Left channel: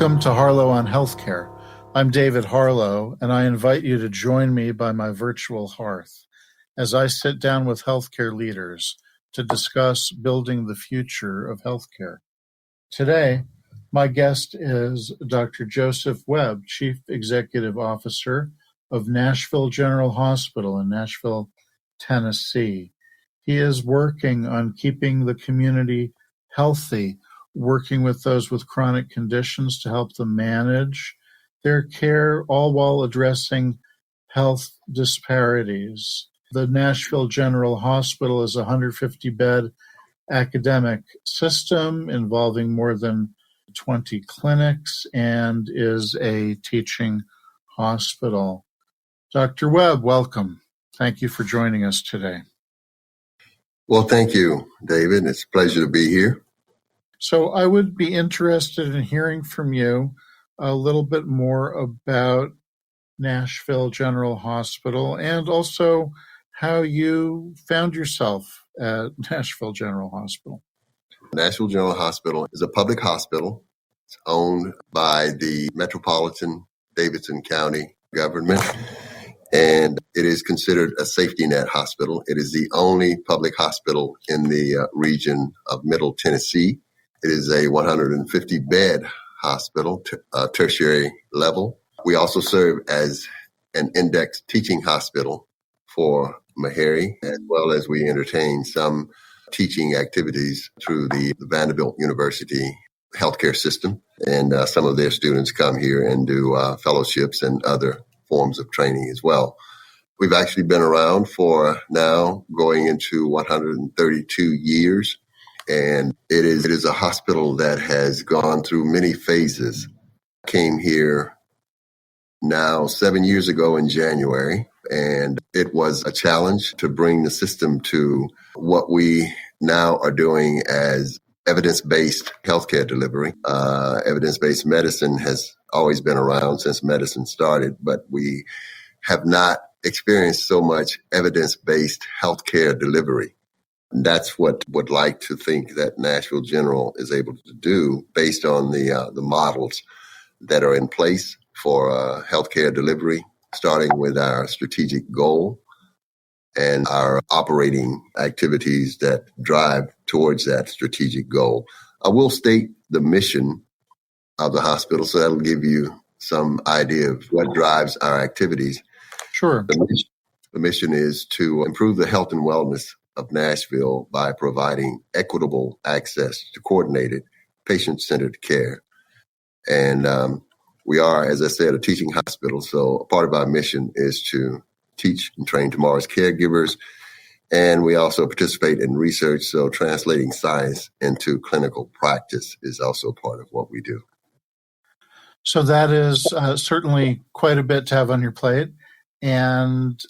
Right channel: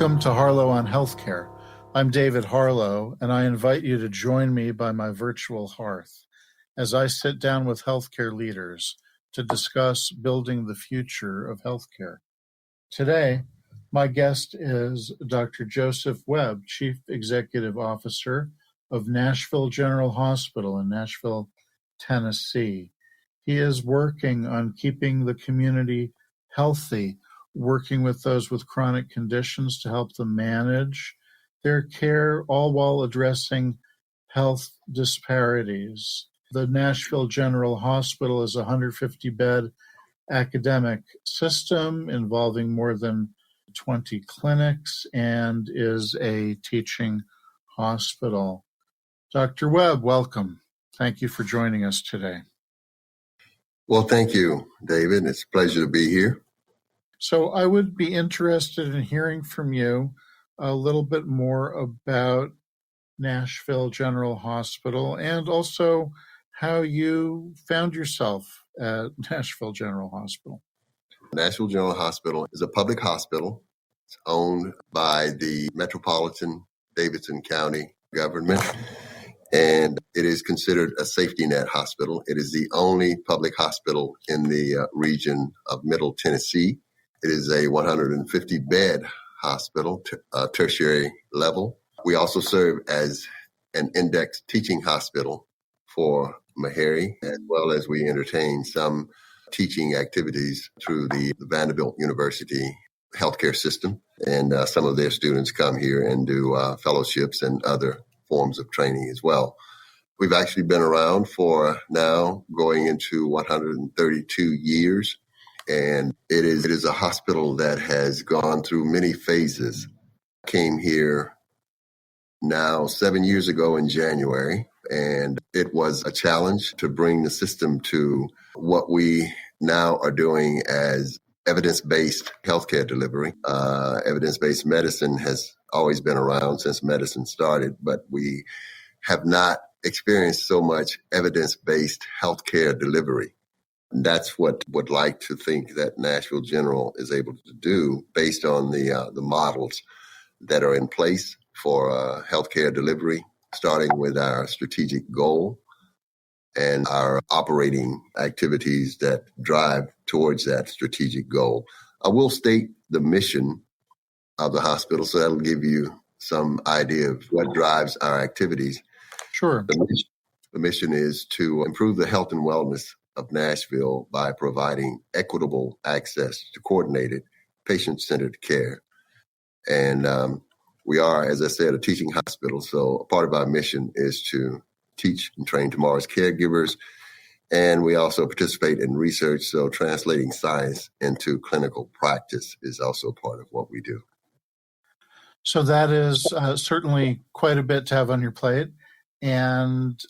Welcome to Harlow on Healthcare. I'm David Harlow, and I invite you to join me by my virtual hearth as I sit down with healthcare leaders to discuss building the future of healthcare. Today, my guest is Dr. Joseph Webb, Chief Executive Officer of Nashville General Hospital in Nashville, Tennessee. He is working on keeping the community healthy, working with those with chronic conditions to help them manage their care, all while addressing health disparities. The Nashville General Hospital is a 150-bed academic system involving more than 20 clinics and is a teaching hospital. Dr. Webb, welcome. Thank you for joining us today. Well, thank you, David. It's a pleasure to be here. So I would be interested in hearing from you a little bit more about Nashville General Hospital and also how you found yourself at Nashville General Hospital. Nashville General Hospital is a public hospital. It's owned by the Metropolitan Davidson County government, and it is considered a safety net hospital. It is the only public hospital in the region of Middle Tennessee. It is a 150-bed hospital, tertiary level. We also serve as an index teaching hospital for Meharry, as well as we entertain some teaching activities through the Vanderbilt University healthcare system. And some of their students come here and do fellowships and other forms of training as well. We've actually been around for now going into 132 years. And it is a hospital that has gone through many phases. Came here now 7 years ago in January, and it was a challenge to bring the system to what we now are doing as evidence-based healthcare delivery. Evidence-based medicine has always been around since medicine started, but we have not experienced so much evidence-based healthcare delivery. That's what I would like to think that Nashville General is able to do based on the models that are in place for healthcare delivery, starting with our strategic goal and our operating activities that drive towards that strategic goal. I will state the mission of the hospital, so that'll give you some idea of what drives our activities. Sure. The mission is to improve the health and wellness of Nashville by providing equitable access to coordinated patient-centered care. And we are, as I said, a teaching hospital. So part of our mission is to teach and train tomorrow's caregivers. And we also participate in research. So translating science into clinical practice is also part of what we do. So that is certainly quite a bit to have on your plate. And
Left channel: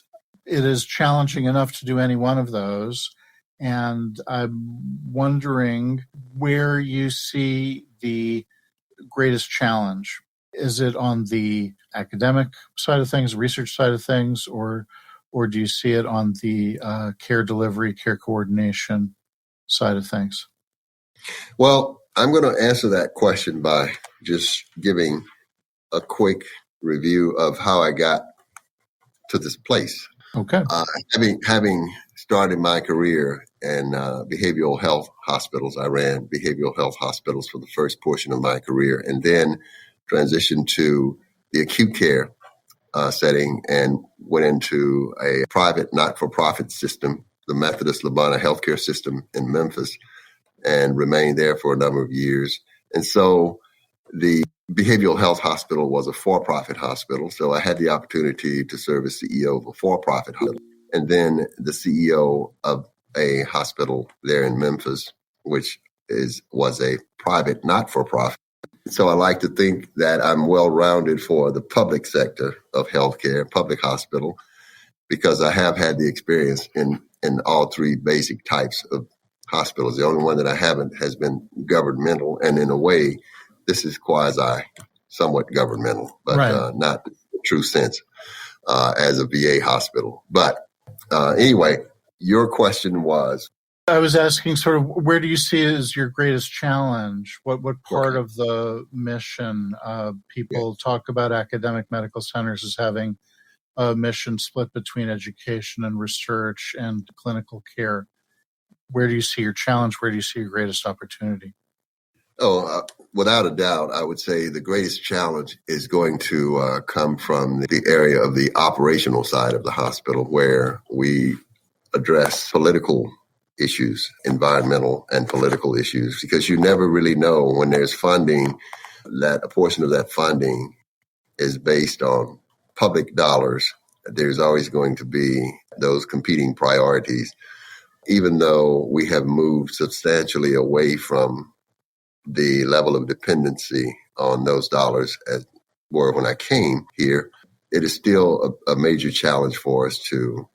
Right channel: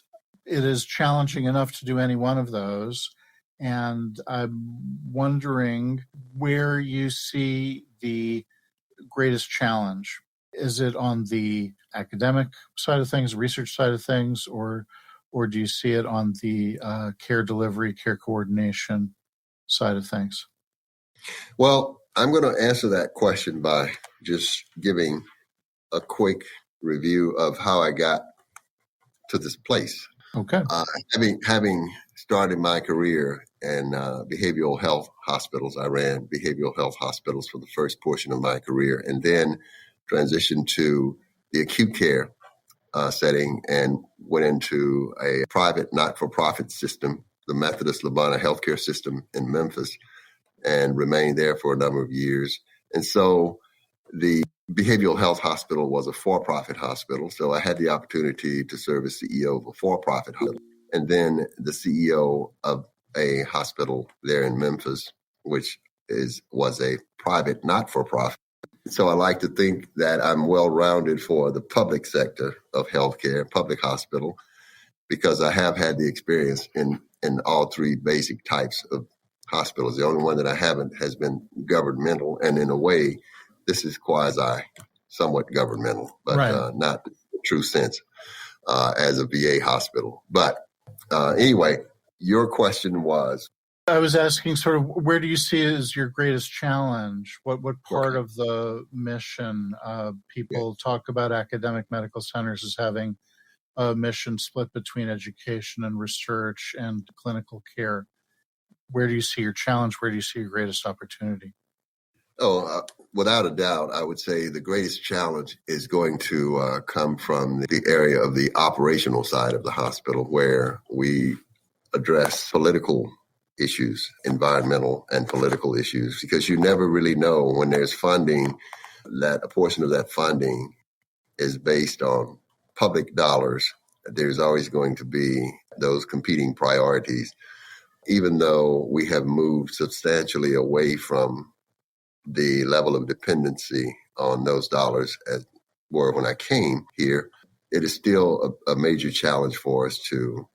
it is challenging enough to do any one of those. And I'm wondering where you see the greatest challenge. Is it on the academic side of things, research side of things, or do you see it on the care delivery, care coordination side of things? Well, I'm going to answer that question by just giving a quick review of how I got to this place. Okay. Having started my career in behavioral health hospitals, I ran behavioral health hospitals for the first portion of my career, and then transitioned to the acute care setting and went into a private not-for-profit system, the Methodist Labana Healthcare System in Memphis, and remained there for a number of years. And so the behavioral health hospital was a for-profit hospital, so I had the opportunity to serve as CEO of a for-profit hospital, and then the CEO of a hospital there in Memphis, which was a private not-for-profit. So I like to think that I'm well-rounded for the public sector of healthcare, public hospital, because I have had the experience in all three basic types of hospitals. The only one that I haven't has been governmental, and in a way, this is somewhat governmental, but right. Not in the true sense as a VA hospital. But anyway, your question was? I was asking sort of where do you see as your greatest challenge? What part of the mission? People talk about academic medical centers as having a mission split between education and research and clinical care. Where do you see your challenge? Where do you see your greatest opportunity? Without a doubt, I would say the greatest challenge is going to come from the area of the operational side of the hospital, where we address political issues, environmental and political issues, because you never really know when there's funding that a portion of that funding is based on public dollars. There's always going to be those competing priorities, even though we have moved substantially away from the level of dependency on those dollars as were when I came here. It is still a major challenge for us to,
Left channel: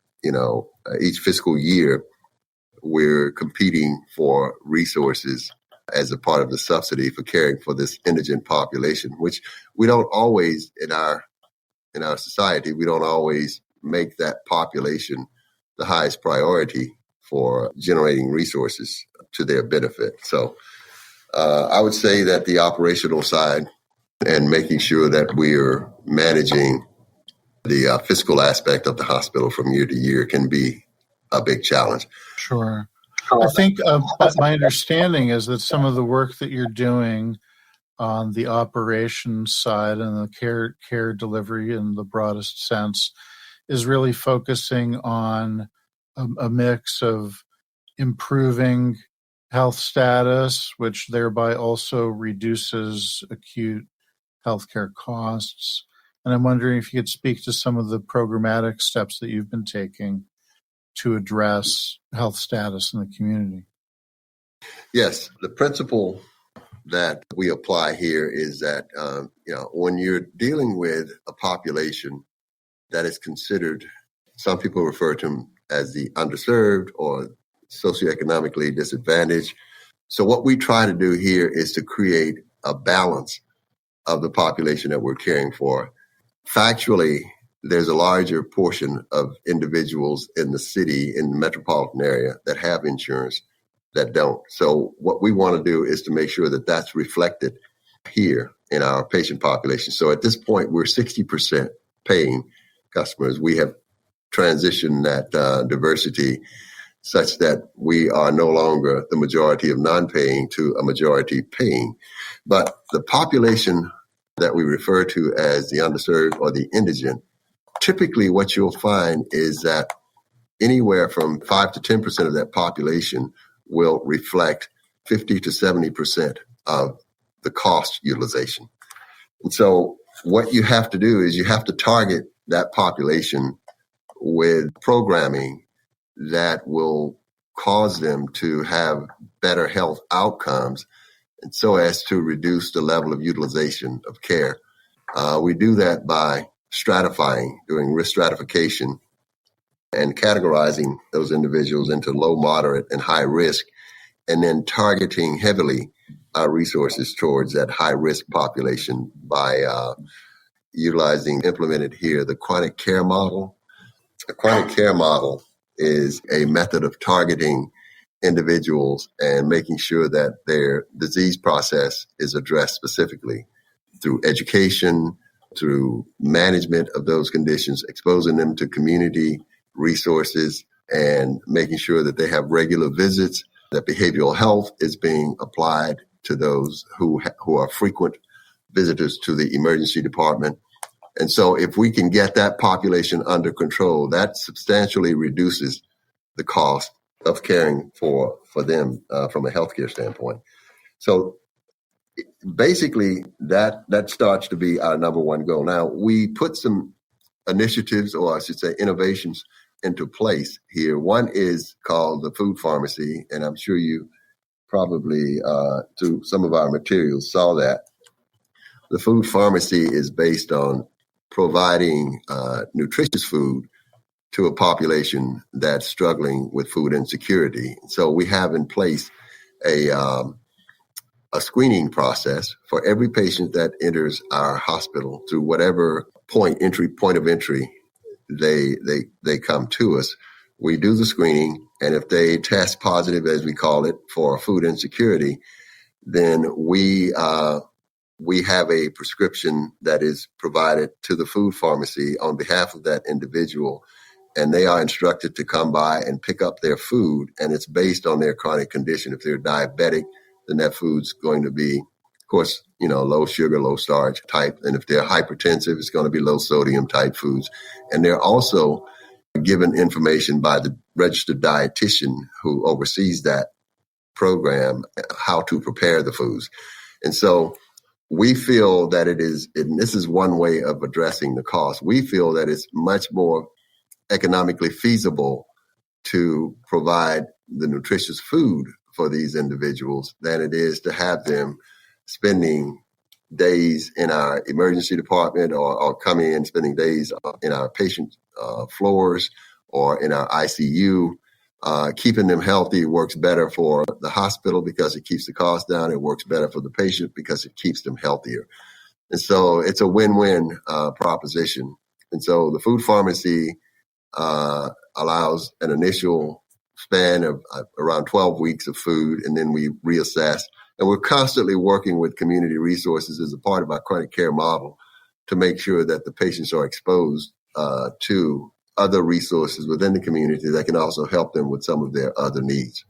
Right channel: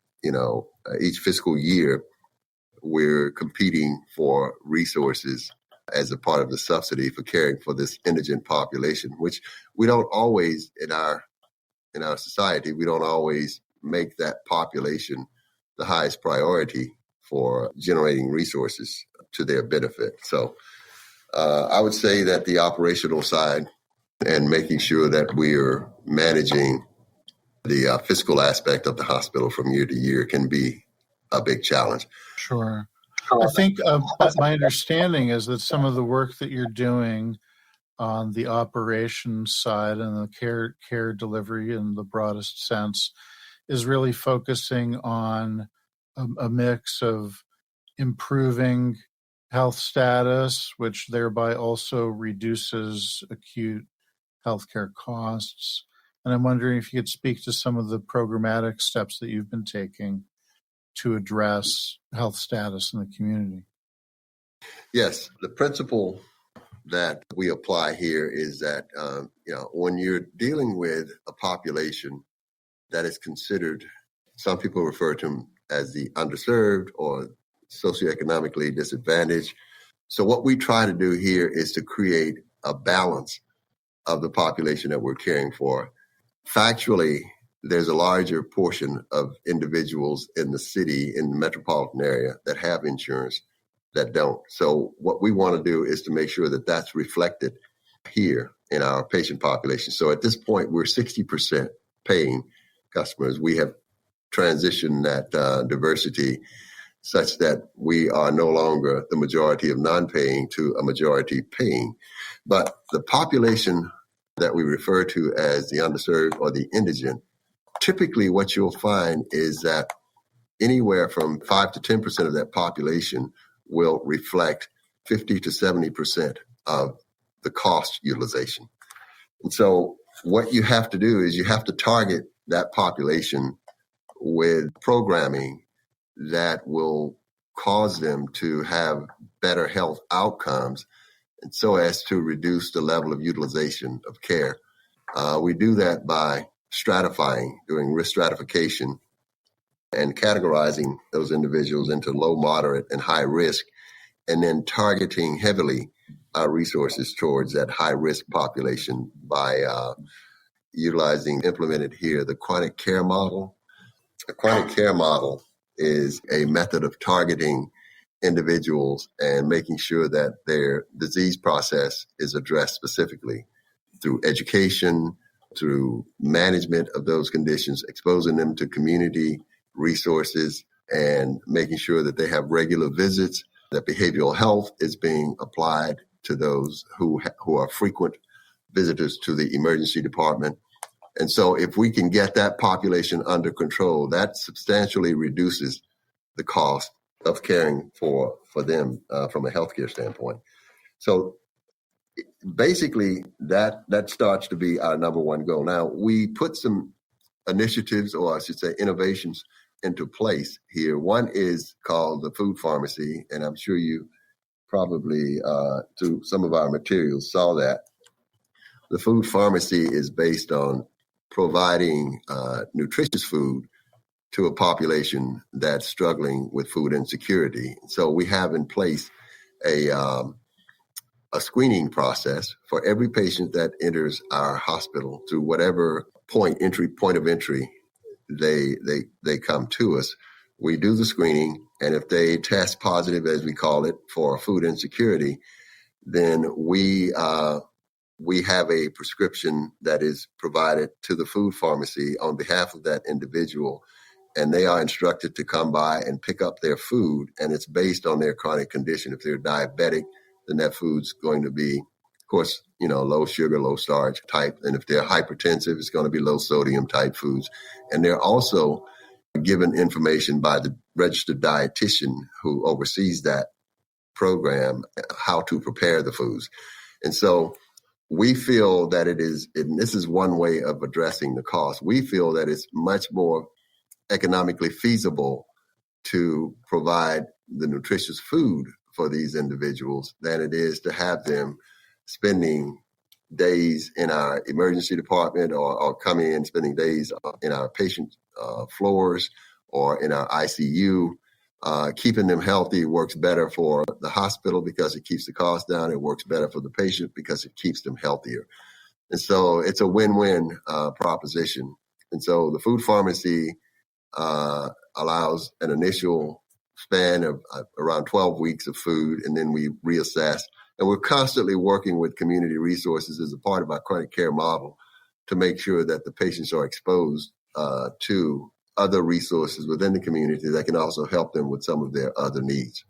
each fiscal year, we're competing for resources as a part of the subsidy for caring for this indigent population, which we don't always in our society, we don't always make that population the highest priority for generating resources to their benefit. So I would say that the operational side and making sure that we're managing the fiscal aspect of the hospital from year to year can be a big challenge. Sure. I think my understanding is that some of the work that you're doing on the operations side and the care delivery in the broadest sense is really focusing on a mix of improving health status, which thereby also reduces acute healthcare costs. And I'm wondering if you could speak to some of the programmatic steps that you've been taking to address health status in the community. Yes, the principle that we apply here is that, when you're dealing with a population that is considered, some people refer to them as the underserved or socioeconomically disadvantaged. So what we try to do here is to create a balance of the population that we're caring for. Factually, there's a larger portion of individuals in the city, in the metropolitan area, that have insurance that don't. So what we want to do is to make sure that that's reflected here in our patient population. So at this point, we're 60% paying customers. We have transitioned that diversity such that we are no longer the majority of non-paying to a majority paying. But the population that we refer to as the underserved or the indigent, typically what you'll find is that anywhere from 5 to 10% of that population will reflect 50 to 70% of the cost utilization. And so what you have to do is you have to target that population with programming that will cause them to have better health outcomes, and so as to reduce the level of utilization of care. We do that by stratifying, doing risk stratification, and categorizing those individuals into low, moderate, and high risk, and then targeting heavily our resources towards that high risk population by implemented here, the chronic care model. A chronic care model is a method of targeting individuals and making sure that their disease process is addressed specifically through education, through management of those conditions, exposing them to community resources, and making sure that they have regular visits, that behavioral health is being applied to those who are frequent visitors to the emergency department. And so if we can get that population under control, that substantially reduces the cost of caring for them from a healthcare standpoint. So basically, that starts to be our number one goal. Now, we put some initiatives, or I should say innovations, into place here. One is called the food pharmacy, and I'm sure you probably, through some of our materials, saw that. The food pharmacy is based on providing nutritious food to a population that's struggling with food insecurity. So we have in place a screening process for every patient that enters our hospital through whatever point of entry they come to us. We do the screening, and if they test positive, as we call it, for food insecurity, then we have a prescription that is provided to the food pharmacy on behalf of that individual, and they are instructed to come by and pick up their food, and it's based on their chronic condition. If they're diabetic, then that food's going to be, of course, low sugar, low starch type, and if they're hypertensive, it's going to be low sodium type foods. And they're also given information by the registered dietitian who oversees that program how to prepare the foods. And so we feel that it is, and this is one way of addressing the cost, we feel that it's much more economically feasible to provide the nutritious food for these individuals than it is to have them spending days in our emergency department or coming in, spending days in our patient floors or in our ICU. Keeping them healthy works better for the hospital because it keeps the cost down. It works better for the patient because it keeps them healthier. And so it's a win-win proposition. And so the food pharmacy allows an initial span of around 12 weeks of food, and then we reassess. And we're constantly working with community resources as a part of our chronic care model to make sure that the patients are exposed to other resources within the community that can also help them with some of their other needs.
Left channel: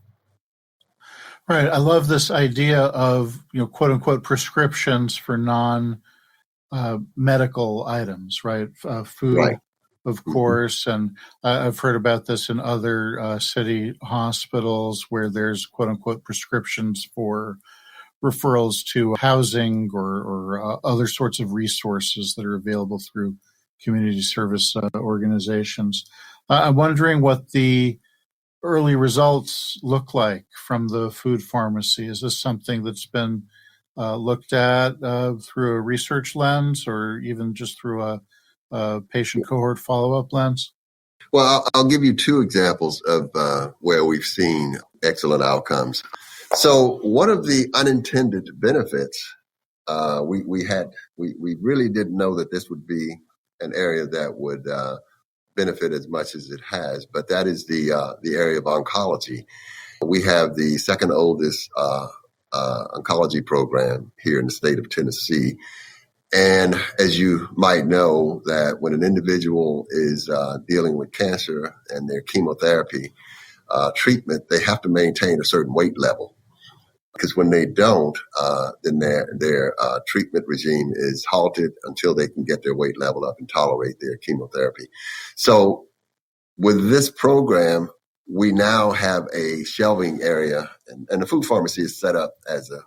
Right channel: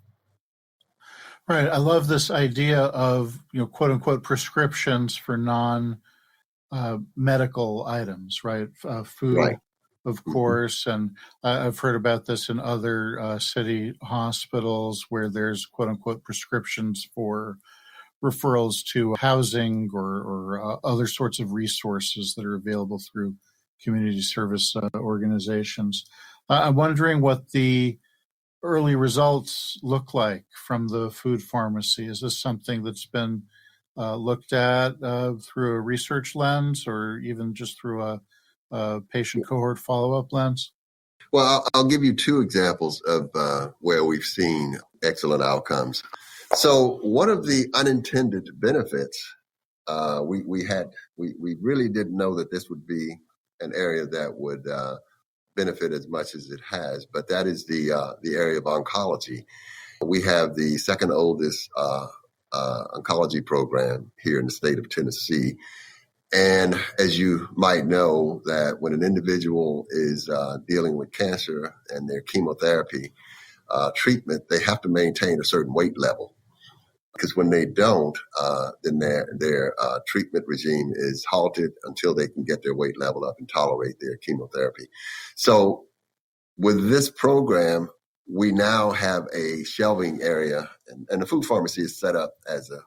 Right. I love this idea of, quote unquote, prescriptions for non-medical items, right? Food, Right. of course. And I've heard about this in other city hospitals where there's, quote unquote, prescriptions for referrals to housing or other sorts of resources that are available through community service organizations. I'm wondering what the early results look like from the food pharmacy. Is this something that's been looked at through a research lens or even just through a patient cohort follow-up lens? Well, I'll give you two examples of where we've seen excellent outcomes. So one of the unintended benefits, we really didn't know that this would be an area that would benefit as much as it has, but that is the area of oncology. We have the second oldest oncology program here in the state of Tennessee. And as you might know, that when an individual is dealing with cancer and their chemotherapy treatment, they have to maintain a certain weight level. Because when they don't, then their treatment regime is halted until they can get their weight level up and tolerate their chemotherapy. So with this program, we now have a shelving area, and the food pharmacy is set up as a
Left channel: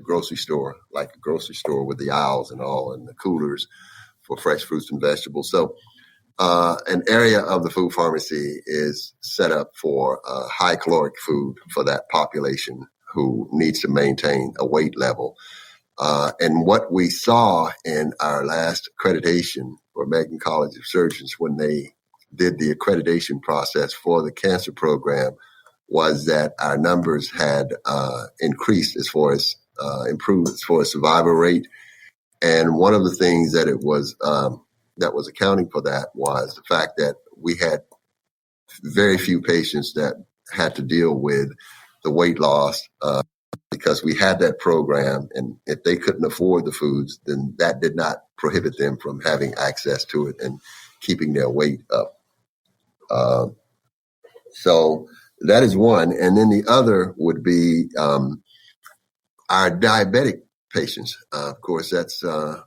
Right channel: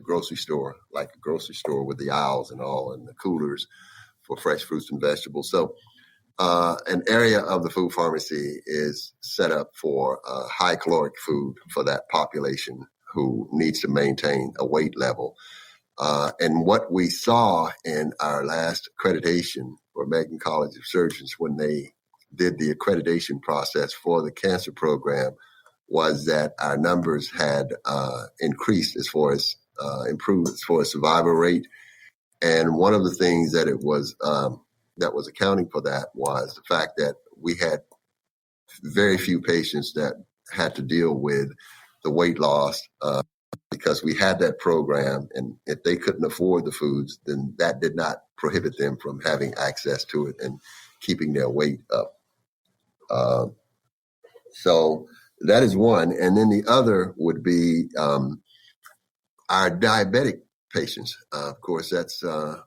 grocery store, like a grocery store with the aisles and all, and the coolers for fresh fruits and vegetables. So an area of the food pharmacy is set up for high caloric food for that population who needs to maintain a weight level. And what we saw in our last accreditation for American College of Surgeons when they did the accreditation process for the cancer program was that our numbers had increased as far as improved as far as survival rate. And one of the things that was accounting for that was the fact that we had very few patients that had to deal with the weight loss because we had that program, and if they couldn't afford the foods, then that did not prohibit them from having access to it and keeping their weight up. So that is one. And then the other would be our diabetic patients. Of course, that's the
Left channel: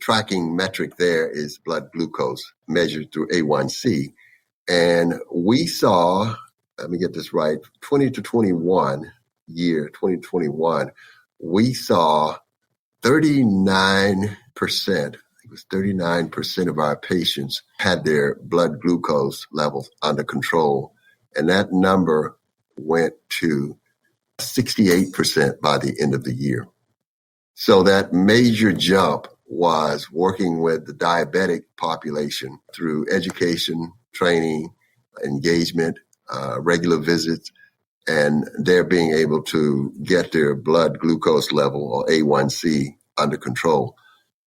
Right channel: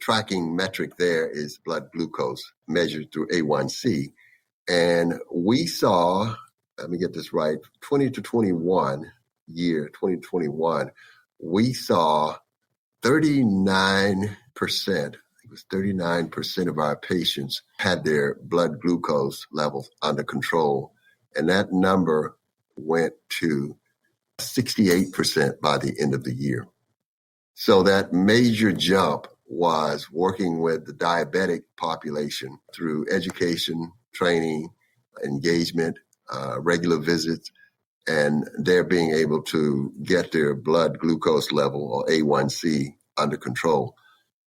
tracking metric there is blood glucose measured through A1C. And we saw, let me get this right, 2021, we saw 39%, it was 39% of our patients had their blood glucose levels under control. And that number went to 68% by the end of the year. So that major jump was working with the diabetic population through education, training, engagement, regular visits, and they're being able to get their blood glucose level or A1C under control.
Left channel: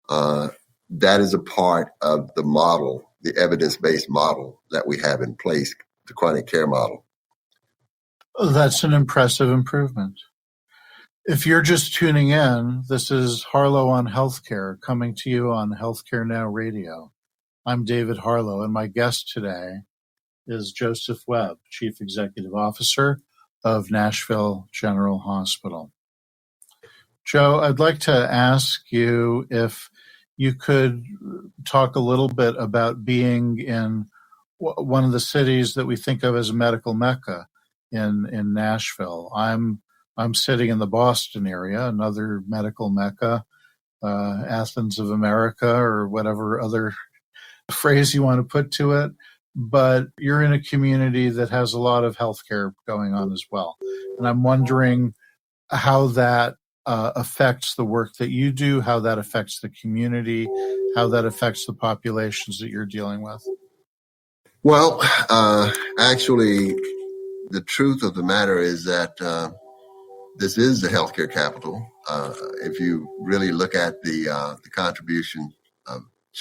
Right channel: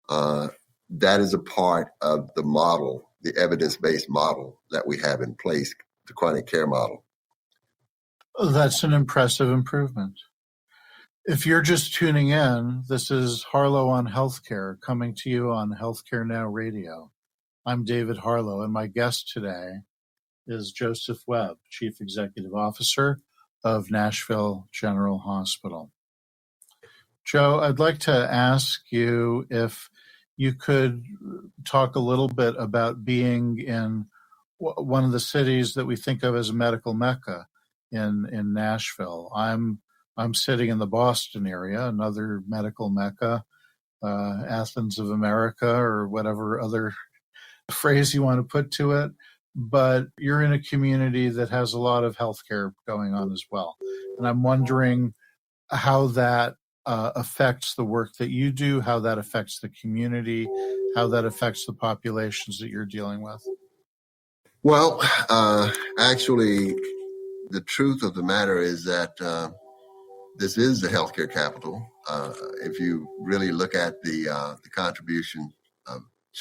That is a part of the model the evidence-based model that we have in place, the chronic care model. That's an impressive improvement. If you're just tuning in, this is Harlow on Healthcare, coming to you on Healthcare Now Radio. I'm David Harlow, and my guest today is Joseph Webb, Chief Executive Officer of Nashville General Hospital. Joe, I'd like to ask you if you could talk a little bit about being in one of the cities that we think of as a medical mecca in Nashville. I'm sitting in the Boston area, another medical mecca, Athens of America, or whatever other phrase you want to put to it. But you're in a community that has a lot of healthcare going on as well. And I'm wondering how that affects the work that you do, how that affects the community, how that affects the populations that you're dealing with. Well, actually, the truth of the matter is that this is the healthcare capital. If you really look at the contribution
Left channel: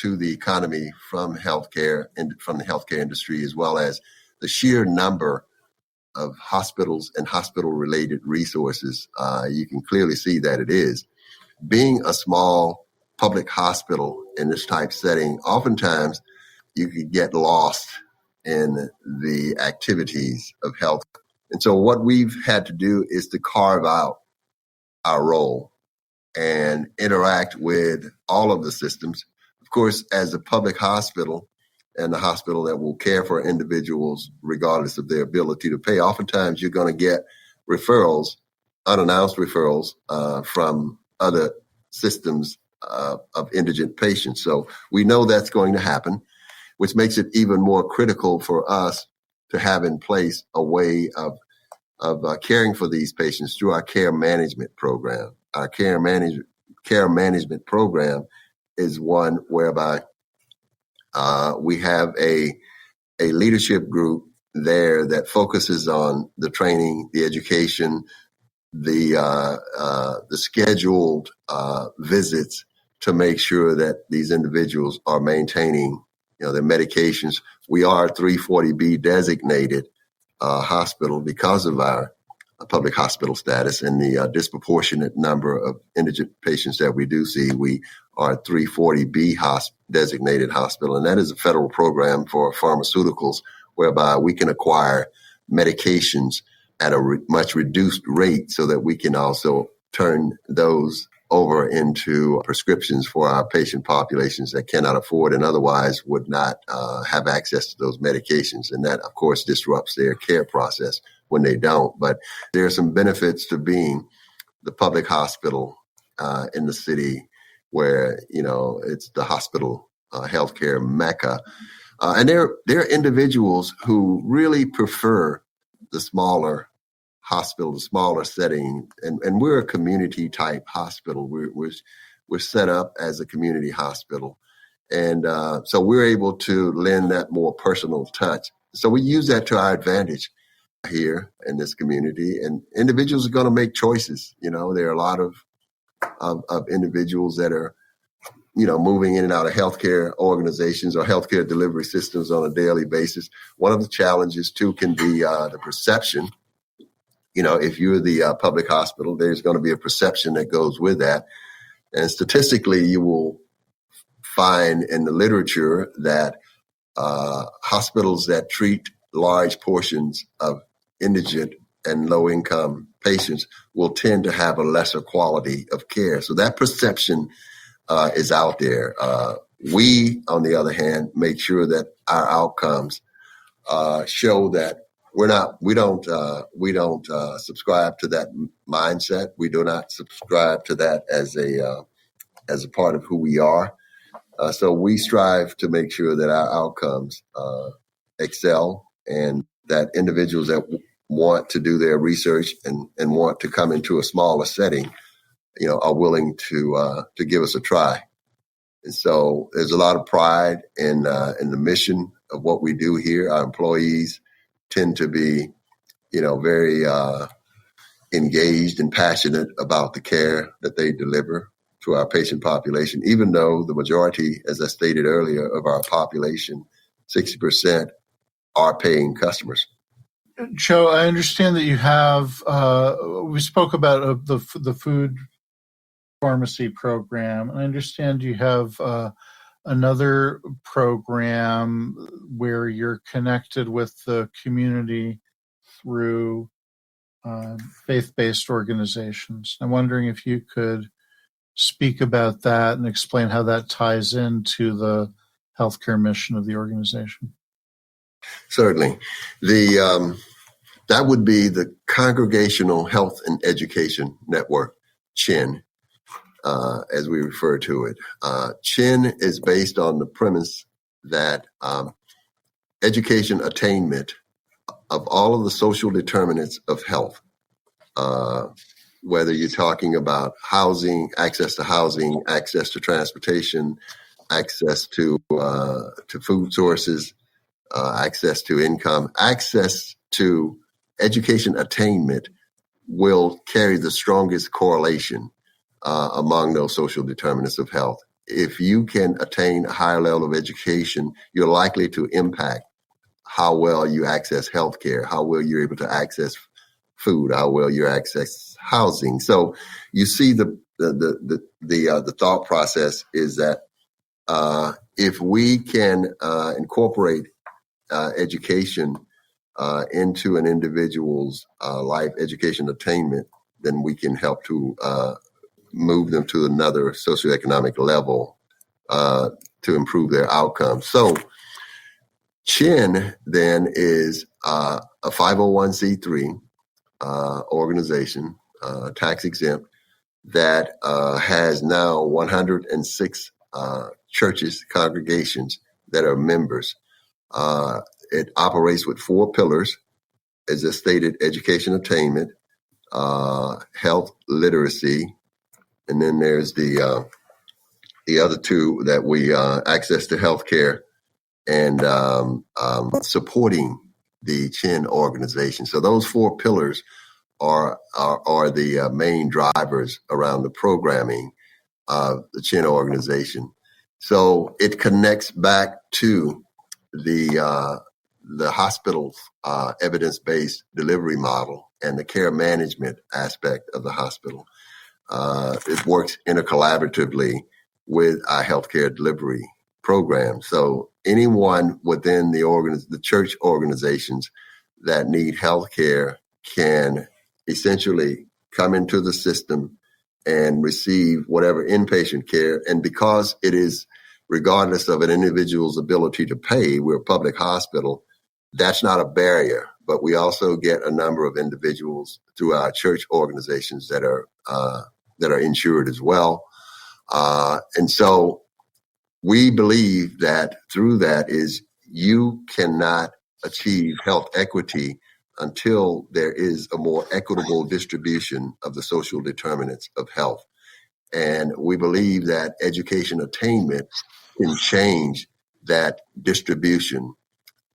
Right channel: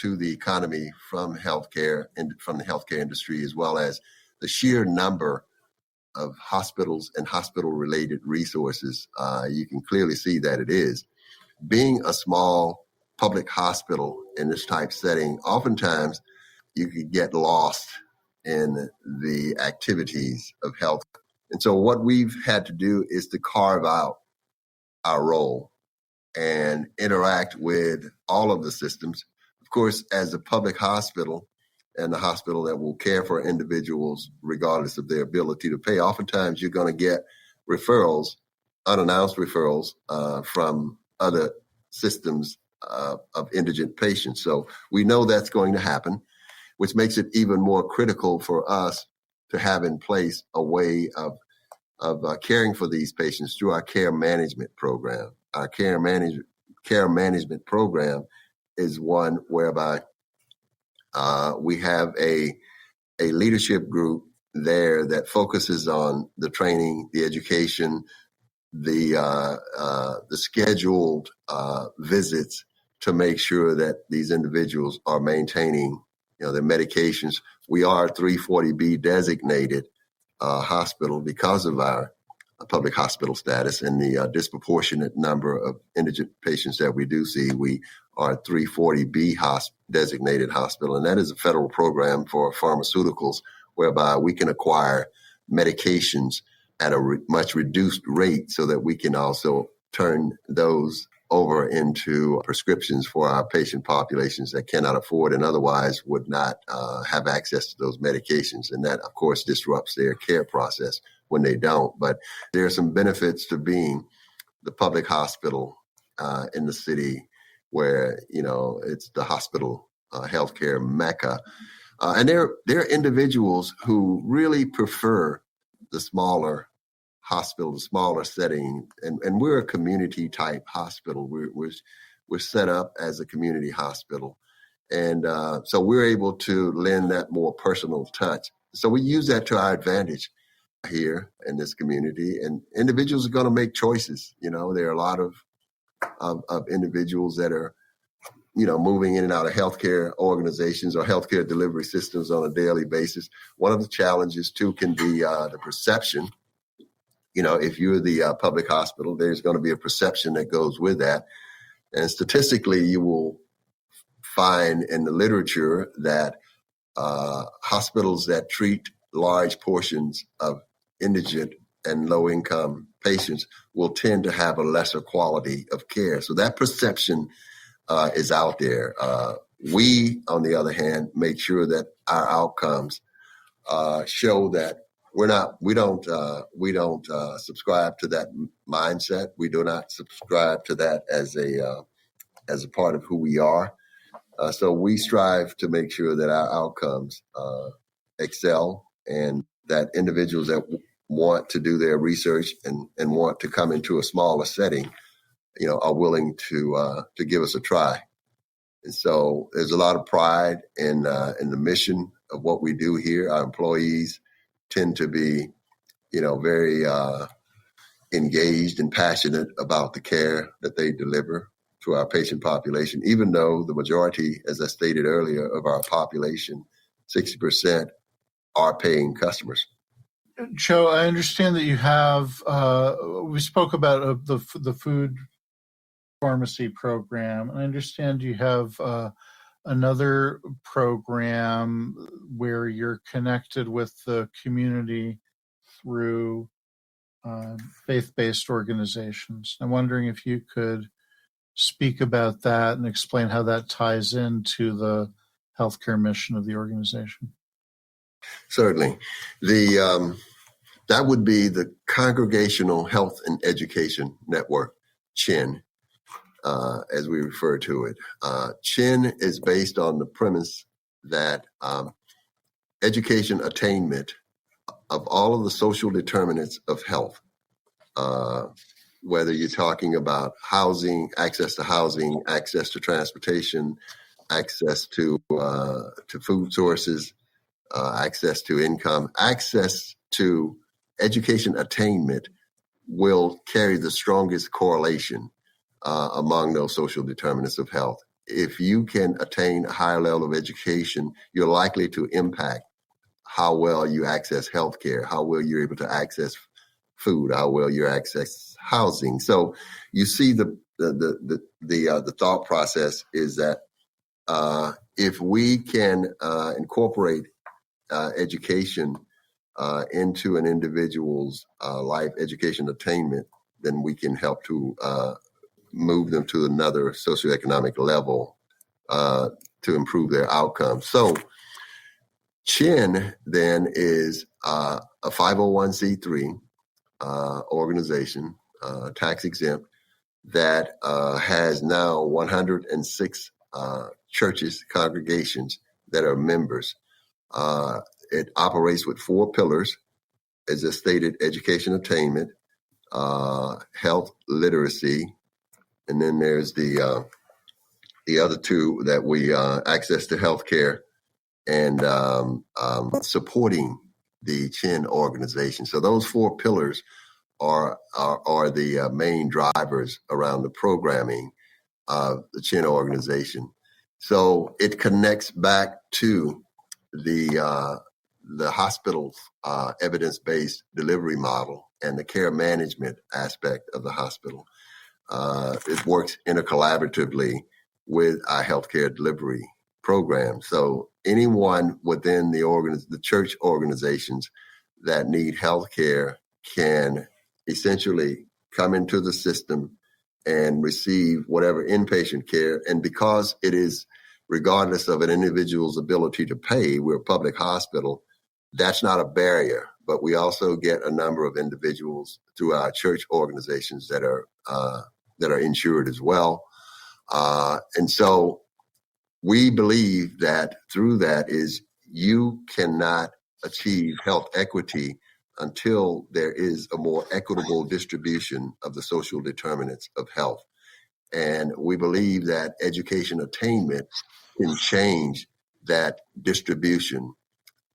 to the economy from healthcare and from the healthcare industry, as well as the sheer number of hospitals and hospital-related resources, you can clearly see that it is. Being a small public hospital in this type setting, oftentimes you could get lost in the activities of health. And so what we've had to do is to carve out our role and interact with all of the systems. Of course, as a public hospital and the hospital that will care for individuals regardless of their ability to pay, oftentimes you're going to get referrals, unannounced referrals from other systems of indigent patients. So we know that's going to happen, which makes it even more critical for us to have in place a way of caring for these patients through our care management program. Our care management program is one whereby we have a leadership group there that focuses on the training, the education, the scheduled visits to make sure that these individuals are maintaining, their medications. We are a 340B designated hospital because of our public hospital status and the disproportionate number of indigent patients that we do see. We are a 340B designated hospital, and that is a federal program for pharmaceuticals whereby we can acquire medications at a much reduced rate so that we can also turn those over into prescriptions for our patient populations that cannot afford and otherwise would not have access to those medications. And that, of course, disrupts their care process when they don't. But there are some benefits to being the public hospital in the city where, it's the hospital healthcare mecca. And there are individuals who really prefer the smaller hospital, the smaller setting, and we're a community type hospital. We're set up as a community hospital, and so we're able to lend that more personal touch. So we use that to our advantage here in this community, and individuals are going to make choices. There are a lot of individuals that are moving in and out of healthcare organizations or healthcare delivery systems on a daily basis. One of the challenges too can be the perception. If you're the public hospital, there's going to be a perception that goes with that. And statistically, you will find in the literature that hospitals that treat large portions of indigent and low-income patients will tend to have a lesser quality of care. So that perception is out there. We, on the other hand, make sure that our outcomes show that we don't subscribe to that mindset. We do not subscribe to that as a part of who we are. So we strive to make sure that our outcomes excel and that individuals that want to do their research and want to come into a smaller setting, are willing to give us a try. And so there's a lot of pride in the mission of what we do here. Our employees tend to be, very engaged and passionate about the care that they deliver to our patient population, even though the majority, as I stated earlier, of our population 60% are paying customers. Joe, I understand that you have, we spoke about the food pharmacy program. I understand you have another program where you're connected with the community through faith-based organizations. I'm wondering if you could speak about that and explain how that ties into the healthcare mission of the organization. Certainly. That would be the Congregational Health and Education Network, CHIN, as we refer to it. CHIN is based on the premise that education attainment of all of the social determinants of health, whether you're talking about housing, access to transportation, access to food sources, access to income, access to education attainment will carry the strongest correlation among those social determinants of health. If you can attain a higher level of education, you're likely to impact how well you access healthcare, how well you're able to access food, how well you access housing. So you see the thought process is that if we can incorporate education into an individual's life, education attainment, then we can help to move them to another socioeconomic level to improve their outcomes. So CHIN then is a 501c3 organization, tax exempt, that has now 106 churches, congregations that are members. It operates with 4 pillars, as I stated: education attainment, health literacy, and then there's the other 2 that we access to healthcare and supporting the CHIN organization. So those 4 pillars are the main drivers around the programming of the CHIN organization. So it connects back to the hospital's evidence-based delivery model and the care management aspect of the hospital. It works intercollaboratively with our healthcare delivery program. So anyone within the church organizations that need healthcare can essentially come into the system and receive whatever inpatient care. And because it is regardless of an individual's ability to pay, we're a public hospital, that's not a barrier. But we also get a number of individuals through our church organizations that are insured as well. And so we believe that through that is you cannot achieve health equity until there is a more equitable distribution of the social determinants of health. And we believe that education attainment can change that distribution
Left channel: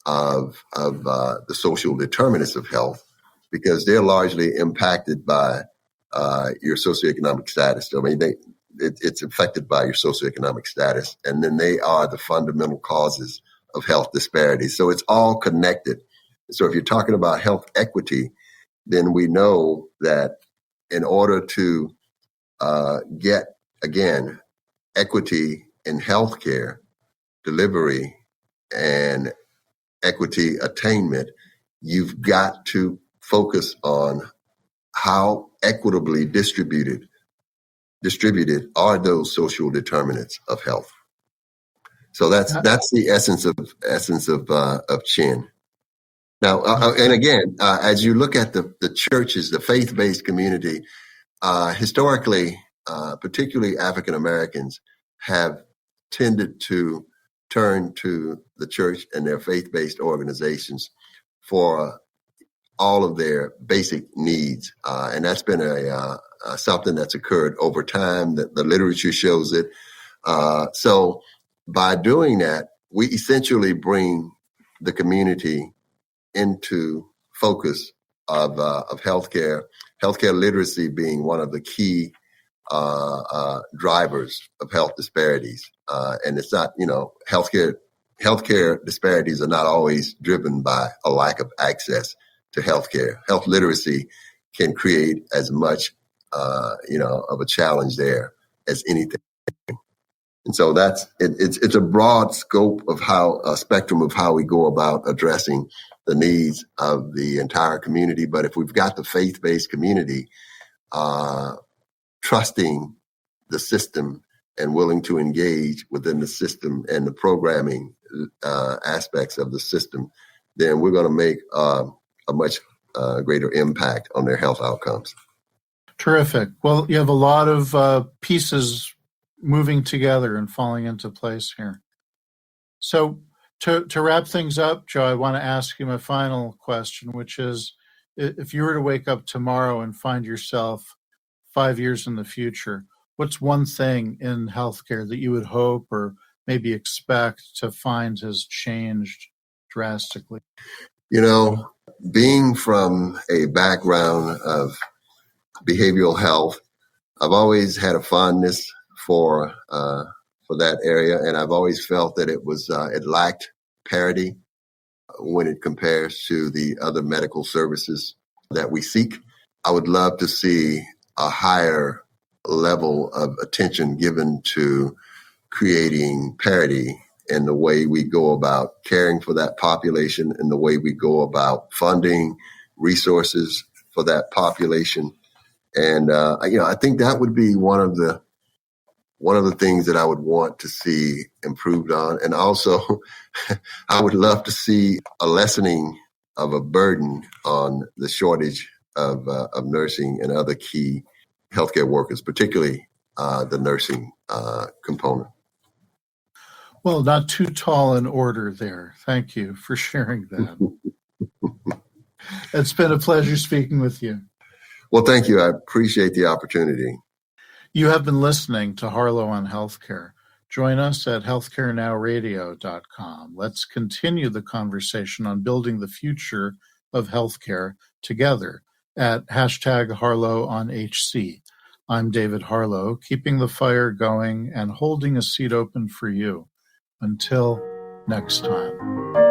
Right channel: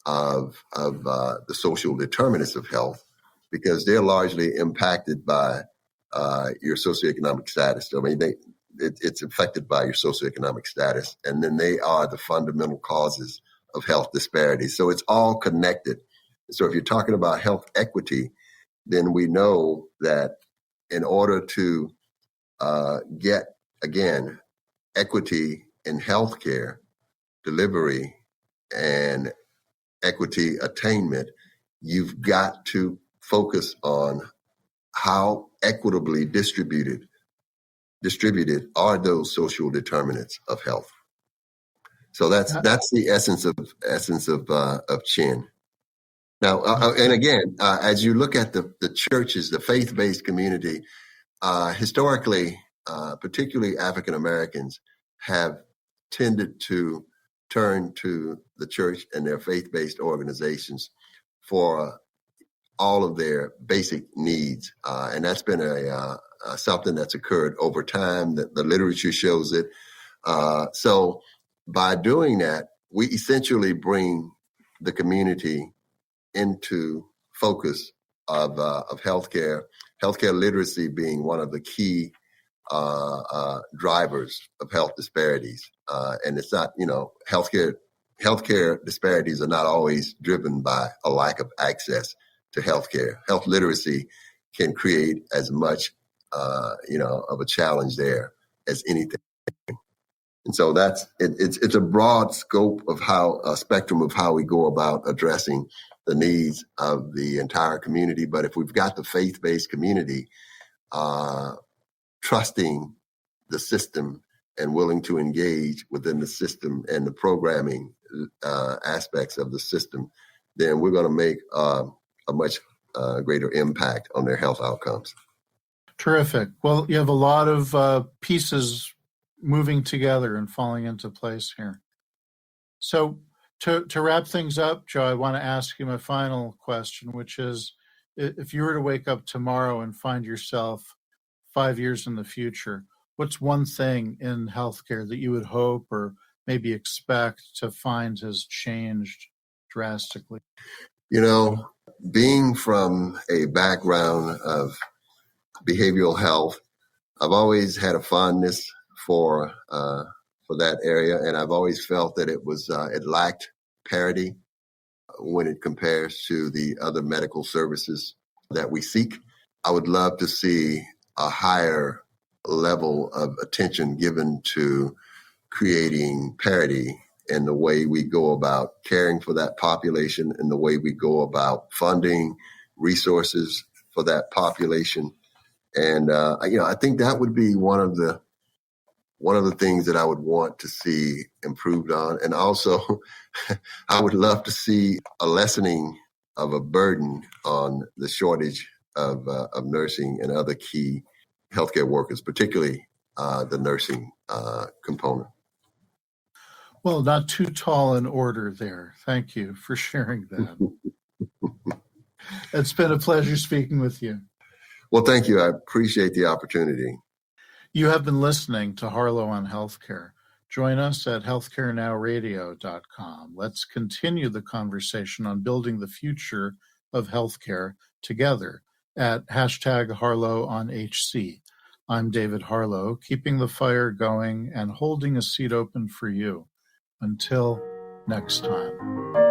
of the social determinants of health, because they're largely impacted by your socioeconomic status. I mean, it's affected by your socioeconomic status, and then they are the fundamental causes of health disparities. So it's all connected. So if you're talking about health equity, then we know that in order to get, again, equity in healthcare delivery and equity attainment, you've got to focus on how equitably distributed are those social determinants of health. So that's the essence of CHIN. Now, and again, as you look at the churches, the faith-based community, historically, particularly African Americans, have tended to turn to the church and their faith-based organizations for all of their basic needs, and that's been something that's occurred over time. The literature shows it. So by doing that, we essentially bring the community into focus of healthcare literacy being one of the key drivers of health disparities. And it's not, healthcare healthcare disparities are not always driven by a lack of access to healthcare. Health literacy can create as much, of a challenge there as anything. And so it's a broad scope of a spectrum of how we go about addressing the needs of the entire community. But if we've got the faith-based community trusting the system and willing to engage within the system and the programming aspects of the system, then we're going to make a much greater impact on their health outcomes. Terrific. Well, you have a lot of pieces moving together and falling into place here. So to wrap things up, Joe, I want to ask you my final question, which is, if you were to wake up tomorrow and find yourself 5 years in the future, what's one thing in healthcare that you would hope or maybe expect to find has changed drastically? Being from a background of behavioral health, I've always had a fondness for that area, and I've always felt that it lacked parity when it compares to the other medical services that we seek. I would love to see a higher level of attention given to creating parity in the way we go about caring for that population, and the way we go about funding resources for that population. And I think that would be one of the things that I would want to see improved on. And also, I would love to see a lessening of a burden on the shortage of nursing and other key healthcare workers, particularly the nursing component. Well, not too tall an order there. Thank you for sharing that. It's been a pleasure speaking with you. Well, thank you. I appreciate the opportunity. You have been listening to Harlow on Healthcare. Join us at healthcarenowradio.com. Let's continue the conversation on building the future of healthcare together at #HarlowOnHC. I'm David Harlow, keeping the fire going and holding a seat open for you. Until next time.